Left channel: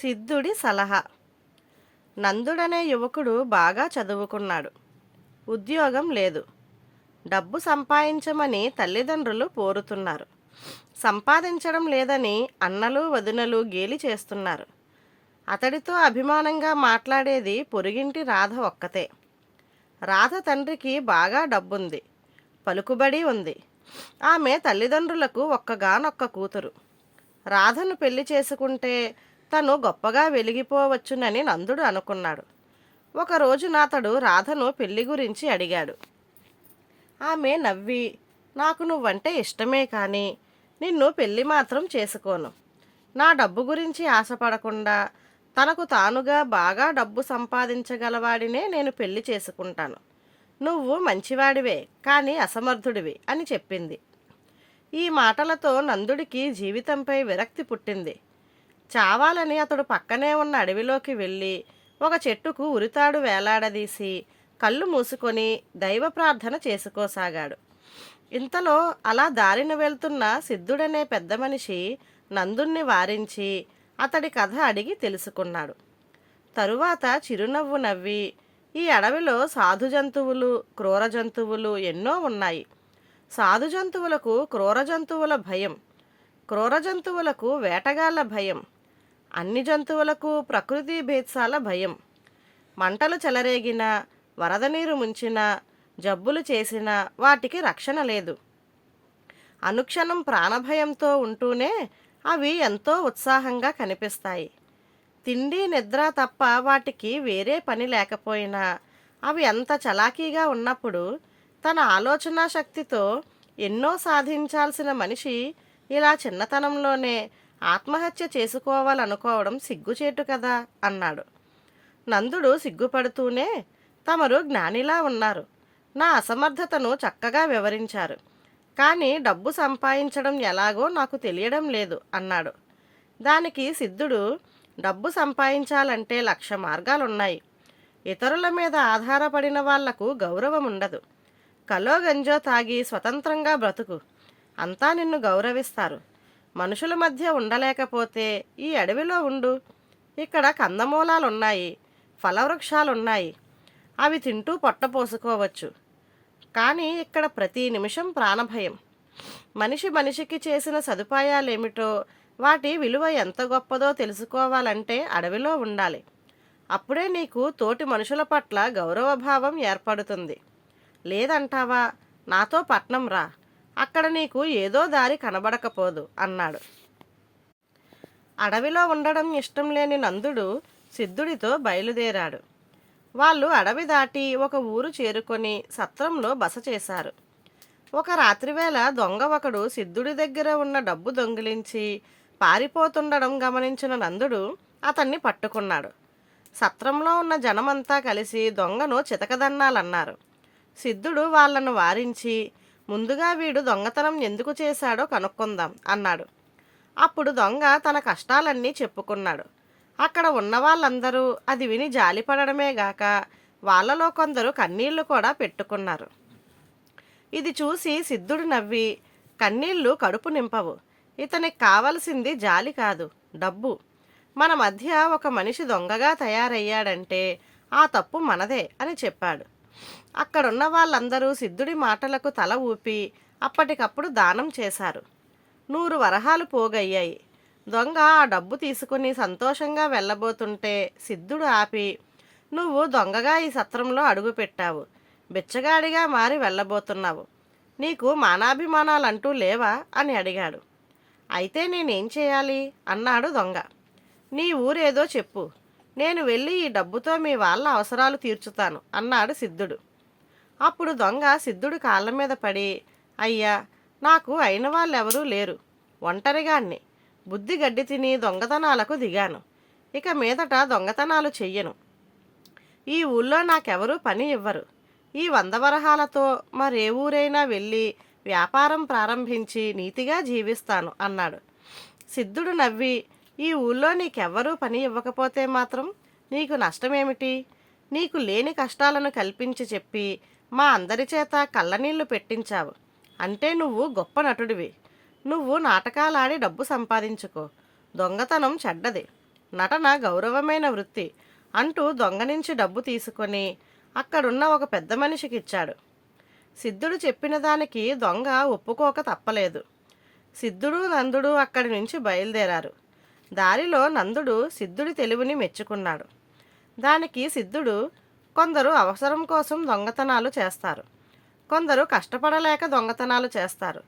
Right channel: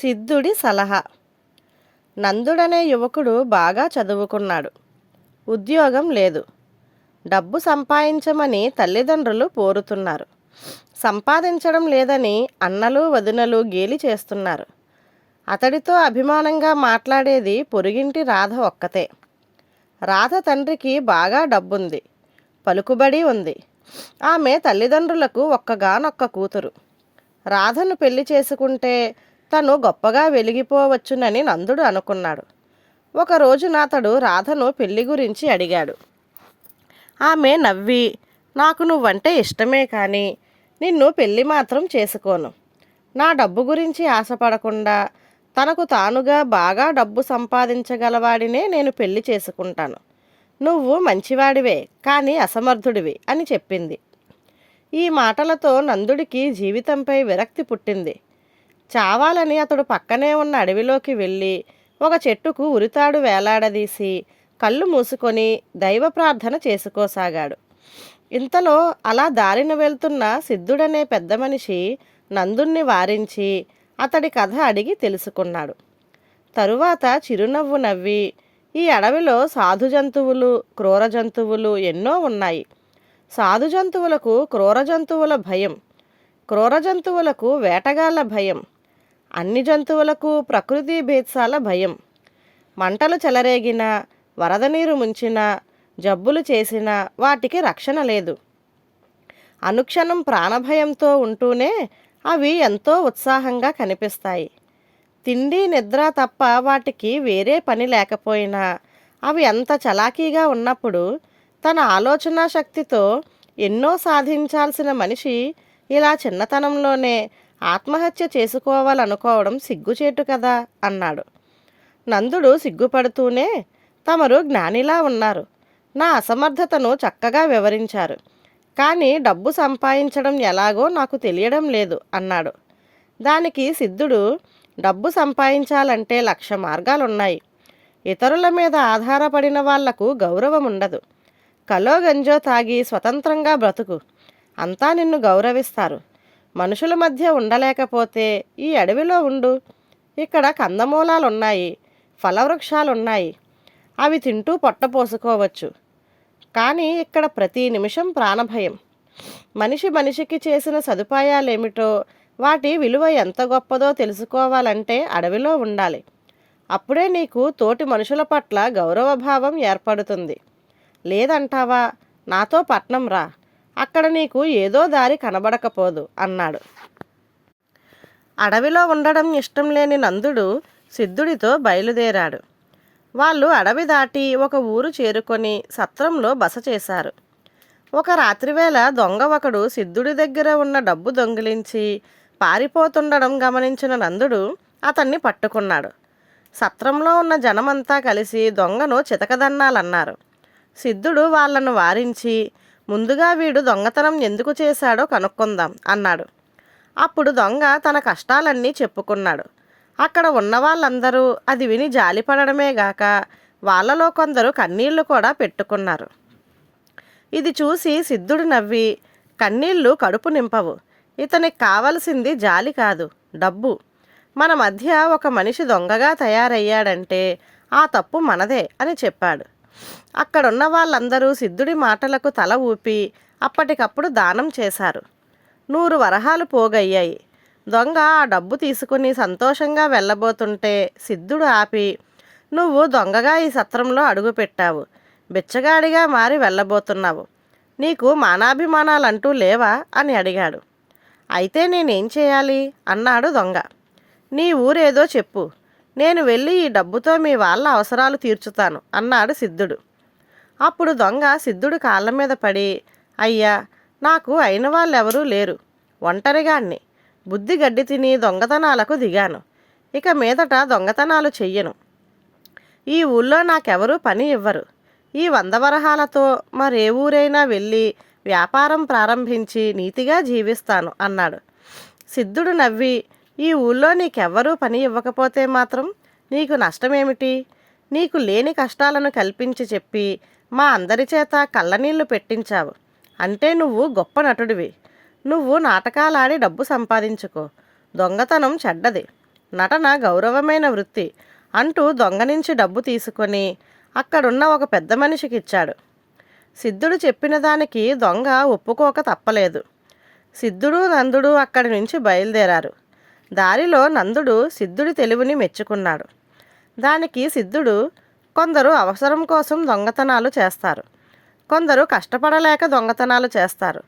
సిద్ధుడి సలహా. నందుడనే యువకుడు బాగా చదువుకున్నాడు. ఉద్యోగం లేదు. డబ్బు సంపాదించమని తల్లిదండ్రులు పోరుతున్నారు. సంపాదించడం లేదని అన్నలు వదినలు గేలి చేస్తున్నారు. అతడితో అభిమానంగా మాట్లాడేది పొరుగింటి రాధ ఒక్కతే. రాధ తండ్రికి బాగా డబ్బుంది. పలుకుబడి ఉంది. ఆమె తల్లిదండ్రులకు ఒక్కగానొక్క కూతురు. రాధను పెళ్ళి చేసుకుంటే తను గొప్పగా వెలిగిపోవచ్చునని నందుడు అనుకున్నాడు. ఒక రోజున అతడు రాధను పెళ్ళి గురించి అడిగాడు. ఆమె నవ్వి నాకు నువ్వంటే ఇష్టమే కానీ నిన్ను పెళ్ళి మాత్రం చేసుకోను. నా డబ్బు గురించి ఆశపడకుండా తనకు తానుగా బాగా డబ్బు సంపాదించగలవాడినే నేను పెళ్ళి చేసుకుంటాను. నువ్వు మంచివాడివే కానీ అసమర్థుడివి అని చెప్పింది. ఈ మాటలతో నందుడికి జీవితంపై విరక్తి పుట్టింది. చావాలని అతడు పక్కనే ఉన్న అడవిలోకి వెళ్ళి ఒక చెట్టుకు ఉరితాడు వేలాడదీసి కళ్ళు మూసుకొని దైవ ప్రార్థన చేసుకోసాగాడు. ఇంతలో అలా దారిన వెళ్తున్న సిద్ధుడనే పెద్ద మనిషి నందుణ్ణి వారించి అతడి కథ అడిగి తెలుసుకున్నాడు. తరువాత చిరునవ్వు నవ్వి ఈ అడవిలో సాధు జంతువులు క్రూర జంతువులు ఎన్నో ఉన్నాయి. సాధు జంతువులకు క్రూర జంతువుల భయం క్రూర జంతువులకు వేటగాళ్ళ భయం అన్ని జంతువులకు ప్రకృతి భేత్సాల భయం. మంటలు చెలరేగిన వరద నీరు ముంచిన జబ్బులు చేసిన వాటికి రక్షణ లేదు. అనుక్షణం ప్రాణభయంతో ఉంటూనే అవి ఎంతో ఉత్సాహంగా కనిపిస్తాయి. తిండి నిద్ర తప్ప వాటికి వేరే పని లేకపోయినా అవి అంత చలాకీగా ఉన్నప్పుడు తన ఆలోచన శక్తితో ఎన్నో సాధించాల్సిన మనిషి ఇలా చిన్నతనంలోనే ఆత్మహత్య చేసుకోవాలనుకోవడం సిగ్గుచేటు కదా అన్నాడు. నందుడు సిగ్గుపడుతూనే తమరు జ్ఞానిలా ఉన్నారు. నా అసమర్థతను చక్కగా వివరించారు. కానీ డబ్బు సంపాదించడం ఎలాగో నాకు తెలియడం లేదు అన్నాడు. దానికి సిద్ధుడు డబ్బు సంపాదించాలంటే లక్ష మార్గాలున్నాయి. ఇతరుల మీద ఆధారపడిన వాళ్ళకు గౌరవం ఉండదు. కలో గంజో తాగి స్వతంత్రంగా బ్రతుకు. అంతా నిన్ను గౌరవిస్తారు. మనుషుల మధ్య ఉండలేకపోతే ఈ అడవిలో ఉండు. ఇక్కడ కందమూలాలున్నాయి ఫలవృక్షాలున్నాయి. అవి తింటూ పొట్టపోసుకోవచ్చు కానీ ఇక్కడ ప్రతి నిమిషం ప్రాణభయం. మనిషి మనిషికి చేసిన సదుపాయాలేమిటో వాటి విలువ ఎంత గొప్పదో తెలుసుకోవాలంటే అడవిలో ఉండాలి. అప్పుడే నీకు తోటి మనుషుల పట్ల గౌరవభావం ఏర్పడుతుంది. లేదంటావా? నాతో పట్నం రా. అక్కడ నీకు ఏదో దారి కనబడకపోదు అన్నాడు. అడవిలో ఉండడం ఇష్టం లేని నందుడు సిద్ధుడితో బయలుదేరాడు. వాళ్ళు అడవి దాటి ఒక ఊరు చేరుకొని సత్రంలో బస చేశారు. ఒక రాత్రివేళ దొంగ ఒకడు సిద్ధుడి దగ్గర ఉన్న డబ్బు దొంగిలించి పారిపోతుండడం గమనించిన నందుడు అతన్ని పట్టుకున్నాడు. సత్రంలో ఉన్న జనమంతా కలిసి దొంగను చితకదన్నాలన్నారు. సిద్ధుడు వాళ్ళను వారించి ముందుగా వీడు దొంగతనం ఎందుకు చేశాడో కనుక్కుందాం అన్నాడు. అప్పుడు దొంగ తన కష్టాలన్నీ చెప్పుకున్నాడు. అక్కడ ఉన్న వాళ్ళందరూ అది విని జాలిపడమే గాక వాళ్ళలో కొందరు కన్నీళ్ళు కూడా పెట్టుకున్నారు. ఇది చూసి సిద్ధుడు నవ్వి కన్నీళ్ళు కడుపు నింపవు. ఇతనికి కావలసింది జాలి కాదు డబ్బు. మన మధ్య ఒక మనిషి దొంగగా తయారయ్యాడంటే ఆ తప్పు మనదే అని చెప్పాడు. అక్కడున్న వాళ్ళందరూ సిద్ధుడి మాటలకు తల ఊపి అప్పటికప్పుడు దానం చేశారు. నూరు వరహాలు పోగయ్యాయి. దొంగ ఆ డబ్బు తీసుకుని సంతోషంగా వెళ్ళబోతుంటే సిద్ధుడు ఆపి నువ్వు దొంగగా ఈ సత్రంలో అడుగుపెట్టావు. బిచ్చగాడిగా మారి వెళ్ళబోతున్నావు. నీకు మానాభిమానాలంటూ లేవా? అని అడిగాడు. అయితే నేనేం చేయాలి? అన్నాడు దొంగ. నీ ఊరేదో చెప్పు. నేను వెళ్ళి ఈ డబ్బుతో మీ వాళ్ళ అవసరాలు తీర్చుతాను అన్నాడు సిద్ధుడు. అప్పుడు దొంగ సిద్ధుడు కాళ్ళ మీద పడి అయ్యా నాకు అయిన వాళ్ళెవరూ లేరు. ఒంటరిగాన్ని బుద్ధి గడ్డి తిని దొంగతనాలకు దిగాను. ఇక మీదట దొంగతనాలు చెయ్యను. ఈ ఊళ్ళో నాకెవరూ పని ఇవ్వరు. ఈ వంద వరహాలతో మరే ఊరైనా వెళ్ళి వ్యాపారం ప్రారంభించి నీతిగా జీవిస్తాను అన్నాడు. సిద్ధుడు నవ్వి ఈ ఊళ్ళో నీకెవ్వరూ పని ఇవ్వకపోతే మాత్రం నీకు నష్టమేమిటి? నీకు లేని కష్టాలను కల్పించి చెప్పి మా అందరి చేత కళ్ళనీళ్ళు పెట్టించావు. అంటే నువ్వు గొప్ప నటుడివి. నువ్వు నాటకాలాడి డబ్బు సంపాదించుకో. దొంగతనం చెడ్డది. నటన గౌరవమైన వృత్తి అంటూ దొంగ నుంచి డబ్బు తీసుకొని అక్కడున్న ఒక పెద్ద మనిషికి ఇచ్చాడు సిద్ధుడు చెప్పిన దానికి దొంగ ఒప్పుకోక తప్పలేదు. సిద్ధుడు నందుడు అక్కడి నుంచి బయలుదేరారు. దారిలో నందుడు సిద్ధుడి తెలివిని మెచ్చుకున్నాడు. దానికి సిద్ధుడు కొందరు అవసరం కోసం దొంగతనాలు చేస్తారు. కొందరు కష్టపడలేక దొంగతనాలు చేస్తారు.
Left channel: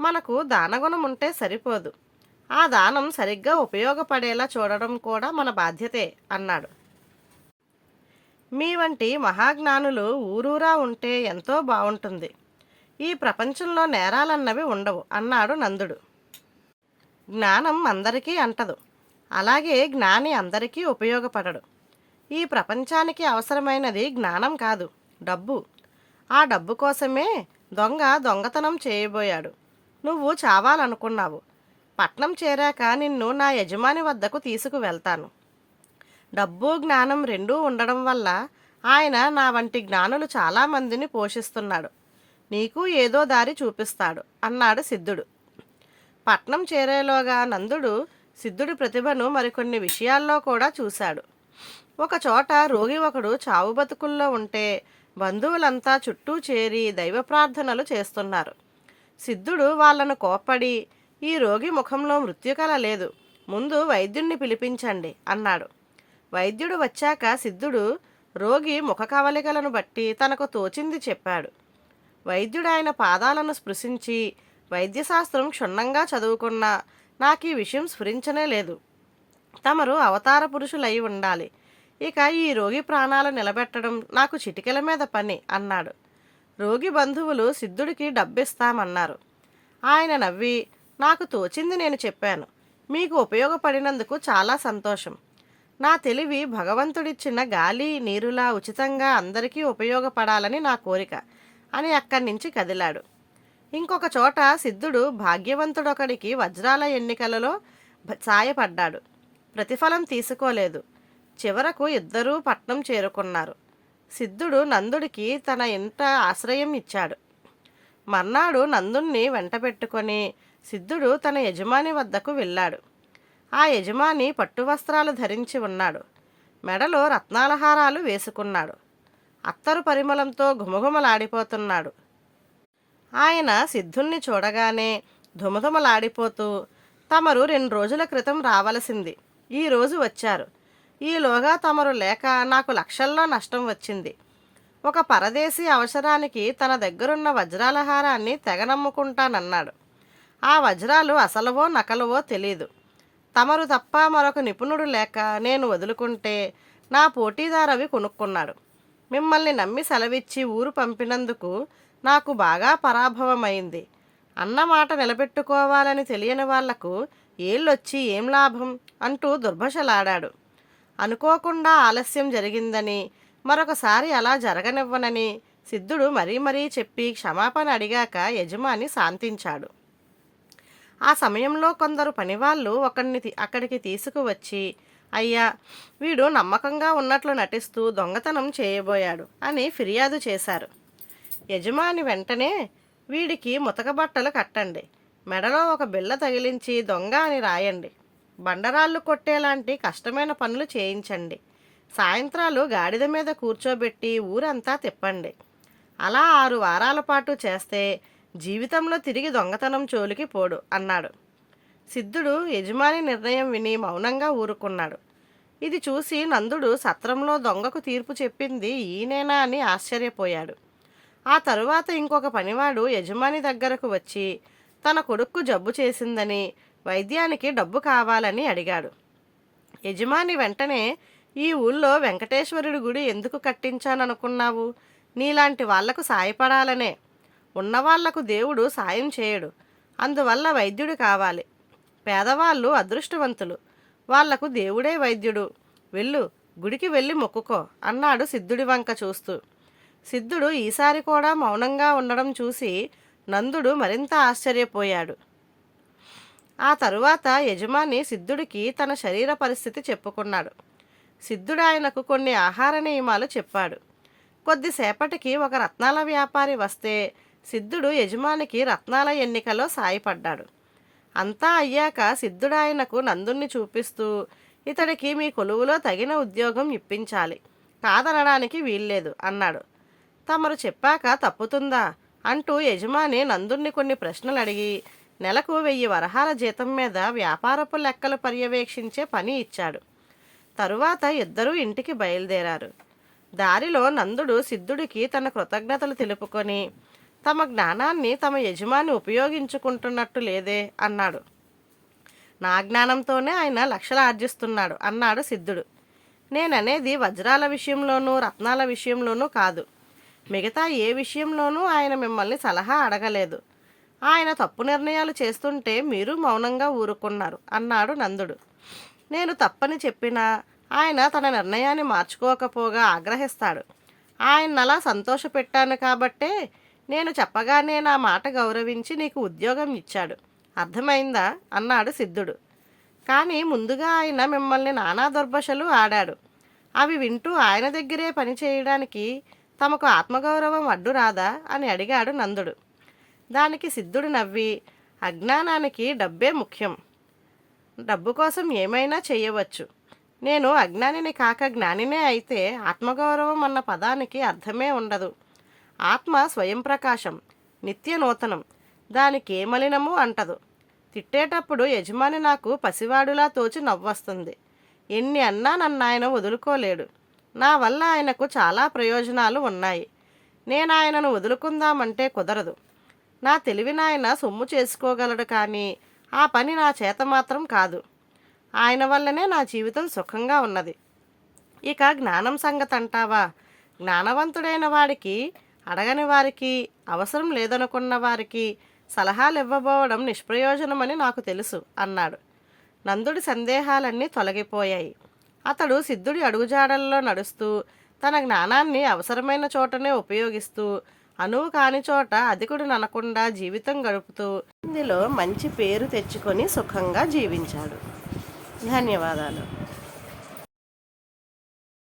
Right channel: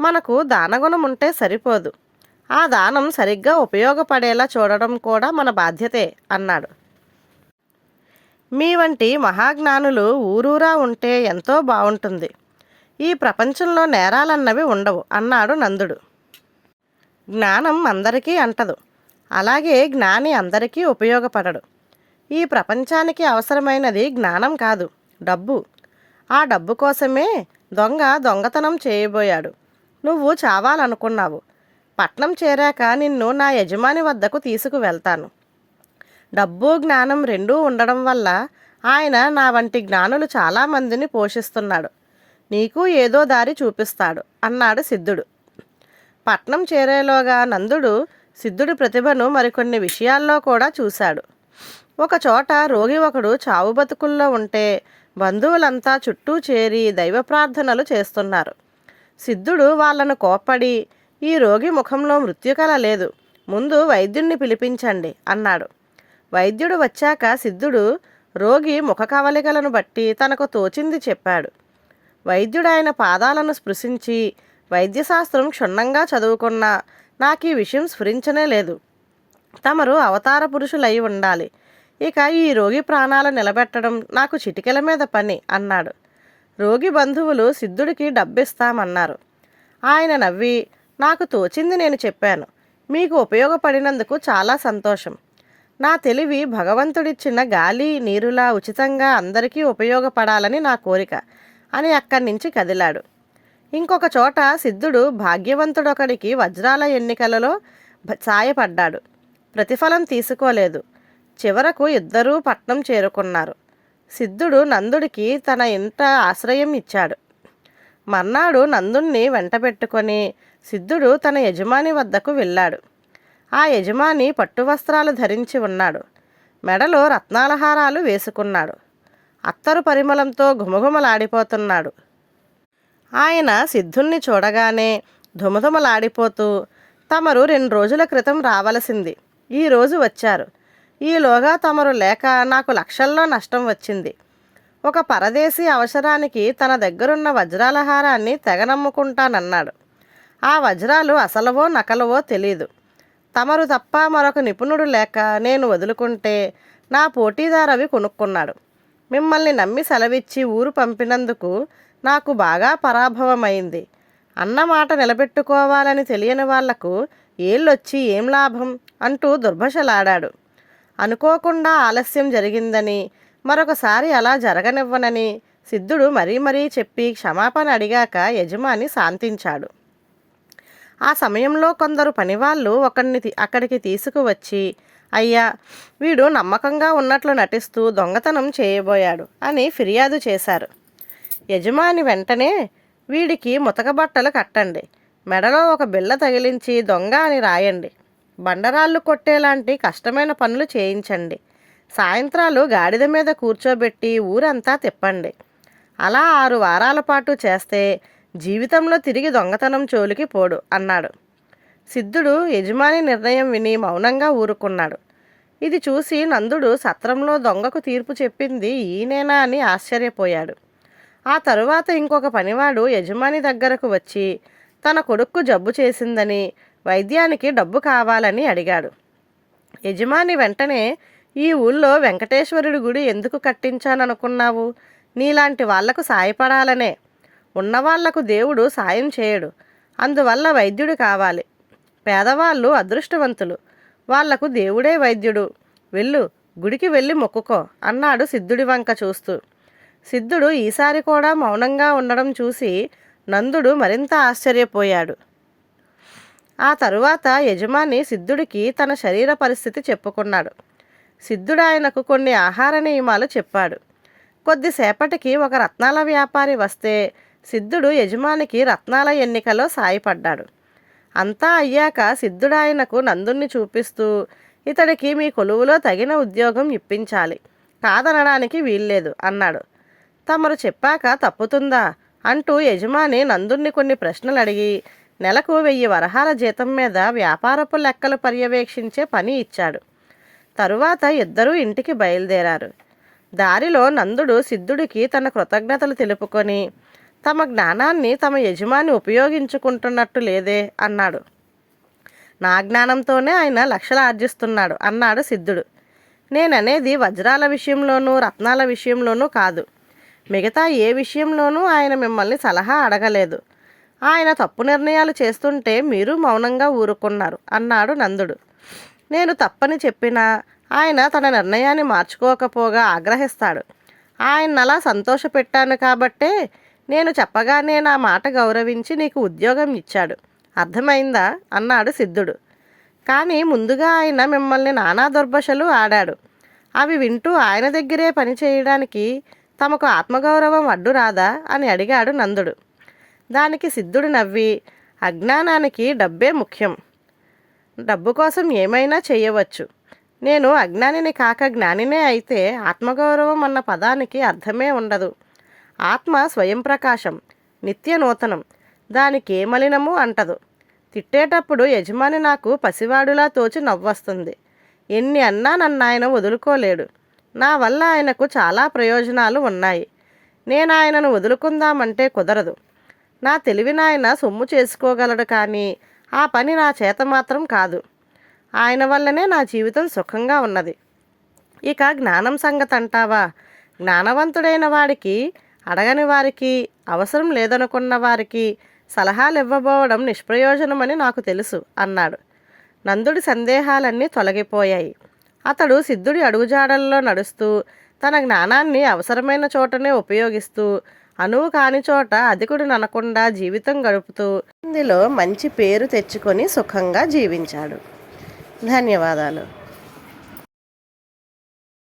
మనకు దానగుణం ఉంటే సరిపోదు. ఆ దానం సరిగ్గా ఉపయోగపడేలా చూడడం కూడా మన బాధ్యతే అన్నాడు. మీ వంటి మహాజ్ఞానులు ఊరూరా ఉంటే ఎంతో బాగుంటుంది ఈ ప్రపంచంలో నేరాలన్నవి ఉండవు అన్నాడు నందుడు. జ్ఞానం అందరికీ అంటదు. అలాగే జ్ఞాని అందరికీ ఉపయోగపడడు. ఈ ప్రపంచానికి అవసరమైనది జ్ఞానం కాదు డబ్బు. ఆ డబ్బు కోసమే దొంగ దొంగతనం చేయబోయాడు. నువ్వు చావాలనుకున్నావు. పట్నం చేరాక నిన్ను నా యజమాని వద్దకు తీసుకువెళ్తాను. డబ్బు జ్ఞానం రెండూ ఉండడం వల్ల ఆయన నా వంటి జ్ఞానులు చాలామందిని పోషిస్తున్నాడు. నీకు ఏదో దారి చూపిస్తాడు అన్నాడు సిద్ధుడు. పట్నం చేరేలోగా నందుడు సిద్ధుడి ప్రతిభను మరికొన్ని విషయాల్లో కూడా చూశాడు. ఒకచోట రోగి ఒకడు చావు బతుకుల్లో ఉంటే బంధువులంతా చుట్టూ చేరి దైవ ప్రార్థనలు చేస్తున్నారు. సిద్ధుడు వాళ్ళను కోప్పడి ఈ రోగి ముఖంలో మృత్యుకల లేదు ముందు వైద్యుణ్ణి పిలిపించండి అన్నాడు. వైద్యుడు వచ్చాక సిద్ధుడు రోగి ముఖ కవలికలను బట్టి తనకు తోచింది చెప్పాడు. వైద్యుడు ఆయన పాదాలను స్పృశించి వైద్యశాస్త్రం క్షుణ్ణంగా చదువుకున్నా నాకు ఈ విషయం స్ఫురించనే లేదు. తమరు అవతార పురుషులై ఉండాలి. ఇక ఈ రోగి ప్రాణాలు నిలబెట్టడం నాకు చిటికెల మీద పని అన్నాడు. రోగి బంధువులు సిద్ధుడికి డబ్బిస్తామన్నారు. ఆయన నవ్వి నాకు తోచింది నేను చెప్పాను. మీకు ఉపయోగపడినందుకు చాలా సంతోషం. నా తెలివి భగవంతుడిచ్చిన గాలి నీరులా ఉచితంగా అందరికీ ఉపయోగపడాలని నా కోరిక అని అక్కడి నుంచి కదిలాడు. ఇంకొక చోట సిద్ధుడు భాగ్యవంతుడొకడికి వజ్రాల ఎన్నికలలో సాయపడ్డాడు. ప్రతిఫలం తీసుకోలేదు. చివరకు ఇద్దరూ పట్నం చేరుకున్నారు. సిద్ధుడు నందుడికి తన ఇంట ఆశ్రయం ఇచ్చాడు. మర్నాడు నందుణ్ణి వెంటబెట్టుకొని సిద్ధుడు తన యజమాని వద్దకు వెళ్ళాడు. ఆ యజమాని పట్టు వస్త్రాలు ధరించి ఉన్నాడు. మెడలో రత్నాలహారాలు వేసుకున్నాడు. అత్తరు పరిమళంతో ఘుమఘుమలాడిపోతున్నాడు. ఆయన సిద్ధుల్ని చూడగానే ధుమధుమలాడిపోతూ తమరు రెండు రోజుల క్రితం రావలసింది. ఈరోజు వచ్చారు. ఈలోగా తమరు లేక నాకు లక్షల్లో నష్టం వచ్చింది. ఒక పరదేశీ అవసరానికి తన దగ్గరున్న వజ్రాలహారాన్ని తెగనమ్ముకుంటానన్నాడు. ఆ వజ్రాలు అసలవో నకలవో తెలీదు. తమరు తప్ప మరొక నిపుణుడు లేక నేను వదులుకుంటే నా పోటీదారవి కొనుక్కున్నాడు. మిమ్మల్ని నమ్మి సెలవిచ్చి ఊరు పంపినందుకు నాకు బాగా పరాభవమైంది. అన్నమాట నిలబెట్టుకోవాలని తెలియని వాళ్ళకు ఏళ్ళొచ్చి ఏం లాభం? అంటూ దుర్భషలాడాడు. అనుకోకుండా ఆలస్యం జరిగిందని మరొకసారి అలా జరగనివ్వనని సిద్ధుడు మరీ మరీ చెప్పి క్షమాపణ అడిగాక యజమాని శాంతించాడు. ఆ సమయంలో కొందరు పనివాళ్ళు ఒకరిని అక్కడికి తీసుకువచ్చి అయ్యా వీడు నమ్మకంగా ఉన్నట్లు నటిస్తూ దొంగతనం చేయబోయాడు అని ఫిర్యాదు చేశారు. యజమాని వెంటనే వీడికి ముతక బట్టలు కట్టండి. మెడలో ఒక బిళ్ళ తగిలించి దొంగ అని రాయండి. బండరాళ్ళు కొట్టేలాంటి కష్టమైన పనులు చేయించండి. సాయంత్రాలు గాడిద మీద కూర్చోబెట్టి ఊరంతా తిప్పండి. అలా ఆరు వారాల పాటు చేస్తే జీవితంలో తిరిగి దొంగతనం చోలికి పోడు అన్నాడు. సిద్ధుడు యజమాని నిర్ణయం విని మౌనంగా ఊరుకున్నాడు. ఇది చూసి నందుడు సత్రంలో దొంగకు తీర్పు చెప్పింది ఈయనేనా అని ఆశ్చర్యపోయాడు. ఆ తరువాత ఇంకొక పనివాడు యజమాని దగ్గరకు వచ్చి తన కొడుక్కు జబ్బు చేసిందని వైద్యానికి డబ్బు కావాలని అడిగాడు. యజమాని వెంటనే ఈ ఊళ్ళో వెంకటేశ్వరుడి గుడి ఎందుకు కట్టించాననుకున్నావు? నీలాంటి వాళ్ళకు సాయపడాలనే. ఉన్నవాళ్ళకు దేవుడు సాయం చేయడు. అందువల్ల వైద్యుడు కావాలి. పేదవాళ్ళు అదృష్టవంతులు. వాళ్ళకు దేవుడే వైద్యుడు. వెళ్ళు గుడికి వెళ్ళి మొక్కుకో అన్నాడు సిద్ధుడి వంక చూస్తూ. సిద్ధుడు ఈసారి కూడా మౌనంగా ఉండడం చూసి నందుడు మరింత ఆశ్చర్యపోయాడు. ఆ తరువాత యజమాని సిద్ధుడికి తన శరీర పరిస్థితి చెప్పుకున్నాడు. సిద్ధుడు ఆయనకు కొన్ని ఆహార నియమాలు చెప్పాడు. కొద్దిసేపటికి ఒక రత్నాల వ్యాపారి వస్తే సిద్ధుడు యజమానికి రత్నాల ఎన్నికలో సాయపడ్డాడు. అంతా అయ్యాక సిద్ధుడు ఆయనకు నందుణ్ణి చూపిస్తూ ఇతడికి మీ కొలువులో తగిన ఉద్యోగం ఇప్పించాలి. కాదనడానికి వీల్లేదు అన్నాడు. తమరు చెప్పాక తప్పుతుందా? అంటూ యజమాని నందుణ్ణి కొన్ని ప్రశ్నలు అడిగి నెలకు వెయ్యి వరహాల జీతం మీద వ్యాపారపు లెక్కలు పర్యవేక్షించే పని ఇచ్చాడు. తరువాత ఇద్దరూ ఇంటికి బయలుదేరారు. దారిలో నందుడు సిద్ధుడికి తన కృతజ్ఞతలు తెలుపుకొని తమ జ్ఞానాన్ని తమ యజమాని ఉపయోగించుకుంటున్నట్టు లేదే అన్నాడు. నా జ్ఞానంతోనే ఆయన లక్షలు ఆర్జిస్తున్నాడు అన్నాడు సిద్ధుడు. నేననేది వజ్రాల విషయంలోనూ రత్నాల విషయంలోనూ కాదు. మిగతా ఏ విషయంలోనూ ఆయన మిమ్మల్ని సలహా అడగలేదు. ఆయన తప్పు నిర్ణయాలు చేస్తుంటే మీరు మౌనంగా ఊరుకున్నారు అన్నాడు నందుడు. నేను తప్పని చెప్పినా ఆయన తన నిర్ణయాన్ని మార్చుకోకపోగా ఆగ్రహిస్తాడు. ఆయన అలా సంతోషపెట్టాను కాబట్టే నేను చెప్పగానే నా మాట గౌరవించి నీకు ఉద్యోగం ఇచ్చాడు. అర్థమైందా? అన్నాడు సిద్ధుడు. కానీ ముందుగా ఆయన మిమ్మల్ని నానా దుర్భషలు ఆడాడు. అవి వింటూ ఆయన దగ్గరే పని చేయడానికి తమకు ఆత్మగౌరవం అడ్డు రాదా అని అడిగాడు నందుడు. దానికి సిద్ధుడు నవ్వి అజ్ఞానానికి డబ్బే ముఖ్యం. డబ్బు కోసం ఏమైనా చేయవచ్చు. నేను అజ్ఞానిని కాక జ్ఞానినే అయితే ఆత్మగౌరవం అన్న పదానికి అర్థమే ఉండదు. ఆత్మ స్వయం ప్రకాశం నిత్య నూతనం దానికి ఏ మలినము అంటదు. తిట్టేటప్పుడు యజమాని నాకు పసివాడులా తోచి నవ్వొస్తుంది. ఎన్ని అన్నా నన్ను ఆయన వదులుకోలేడు. నా వల్ల ఆయనకు చాలా ప్రయోజనాలు ఉన్నాయి. నేను ఆయనను వదులుకుందామంటే కుదరదు. నా తెలివినాయన సొమ్ము చేసుకోగలడు కానీ ఆ పని నా చేత మాత్రం కాదు. ఆయన వల్లనే నా జీవితం సుఖంగా ఉన్నది. ఇక జ్ఞానం సంగతి అంటావా? జ్ఞానవంతుడైన వాడికి అడగని వారికి అవసరం లేదనుకున్న వారికి సలహాలు ఇవ్వబోవడం నిష్ప్రయోజనమని నాకు తెలుసు అన్నాడు. నందుడి సందేహాలన్నీ తొలగిపోయాయి. అతడు సిద్ధుడి అడుగుజాడల్లో నడుస్తూ తన జ్ఞానాన్ని అవసరమైన చోటనే ఉపయోగిస్తూ అనువు కాని చోట అధికుడు ననకుండా జీవితం గడుపుతూ ఇందులో మంచి పేరు తెచ్చుకొని సుఖంగా జీవించాడు. ధన్యవాదాలు.